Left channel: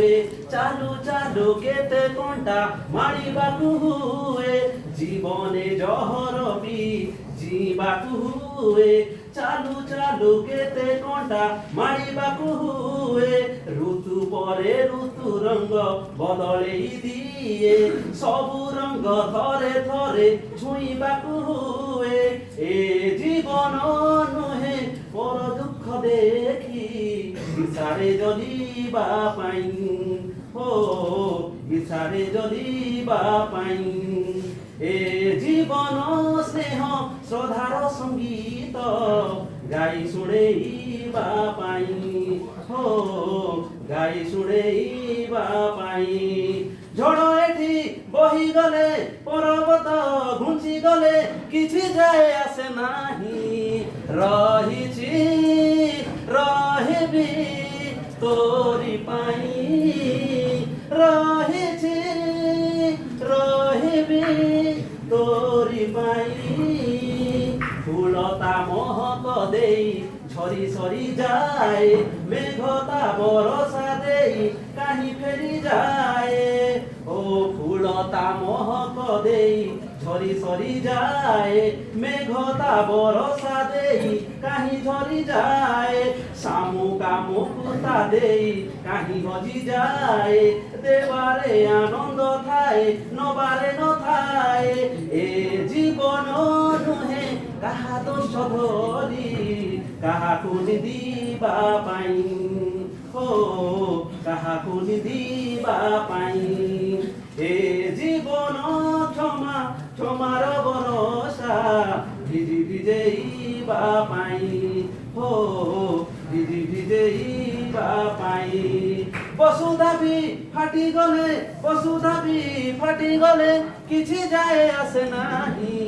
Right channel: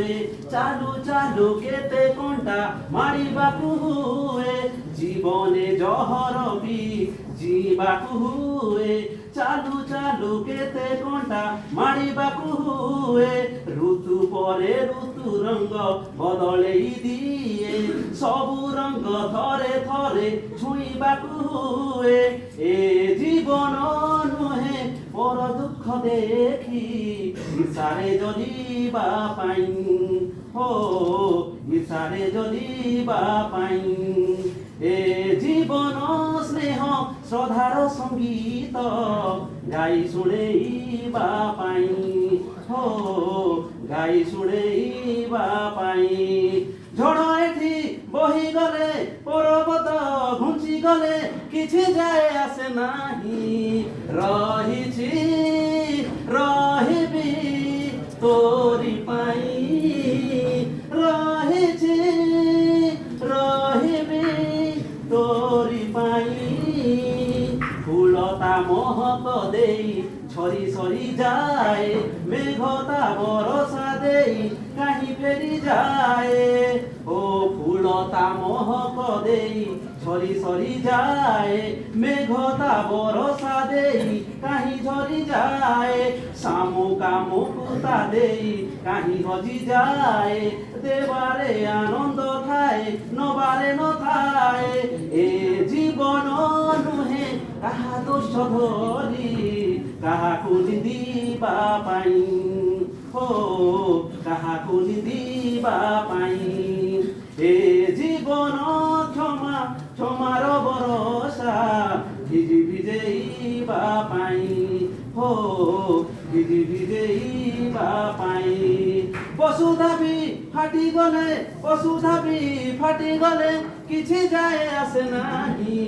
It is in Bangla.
ହୁଏ ଚାଲୁ ଚାଲୁ କେତେ କଣ୍ଟା ମାରିବାକୁ ହୁଏ ଜୀବନେ ଜହର ବି ଯିବାକୁ ହୁଏ ଚାଲୁ ଚାଲୁ କେତେ କଣ୍ଟା ମାରିବାକୁ ହୁଏ ଋତୁ ପରେ ଋତୁ ରଙ୍ଗ ବଦଳେଇ ଦିଏ ସବୁ ରଙ୍ଗ ଥରେ ଥରେ ଛୁଇଁବାକୁ ହୁଏ ଏ ଜୀବନ ନୁହେଁ ପର ଦୁଃଖ ଦେଖି ଇର୍ଷାରେ ଜ୍ୱଳିବା ପାଇଁ ହୋ ଇର୍ଷାରେ ଜ୍ୱଳିବା ପାଇଁ ଏ ଜୀବନ ସ୍ନେହ ଶ୍ରଦ୍ଧାର ସଙ୍ଗୀତ ଗାଇ ଶୁଣେଇବା ପାଇଁ ହୋ ଗାଇ ଶୁଣେଇବା ପାଇଁ ଝଡ଼ ଏଠି ବହିଗଲେ ପର୍ବତ ଘୁଞ୍ଚିଗଲେ କିଛି ଯାଏ ଆସେ ନାହିଁ ରହିଛି ରହିବି ତୋରି ପାଇଁ ରହିଛି ରହିବି ତୋରି ପାଇଁ ଫୁଲତା ମହକ ଦେଇ ଝରି ସରି ଯାଏ ମେଘତା ବରଷା ଦେଇ କାହିଁ ଫେରି ଯାଏ ଓ ଫୁଲତା ମହକ ଦେଇ ঝরি সরি যায় মেঘতা বরষা দেই কাহি ঝরি যায় শামুকা মুকুতা দেই কাহি হজি যায় দেবারে আনন্দ থায় নবারে নথায় এ জীবন নুহে কাহা দোষ ধরি কাহাকু নিদিবা পাই হো কাহাকু নিদিবা পাই এ জীবন ক্ষমা ক্ষমার বরষা ভিজি ভিজেইবা পাই হো ভিজি ভিজেইবা পাই পশু দাবি ফাটি গলে পশু দাবি ফাটি গলে কিছু যায় আসে নাহি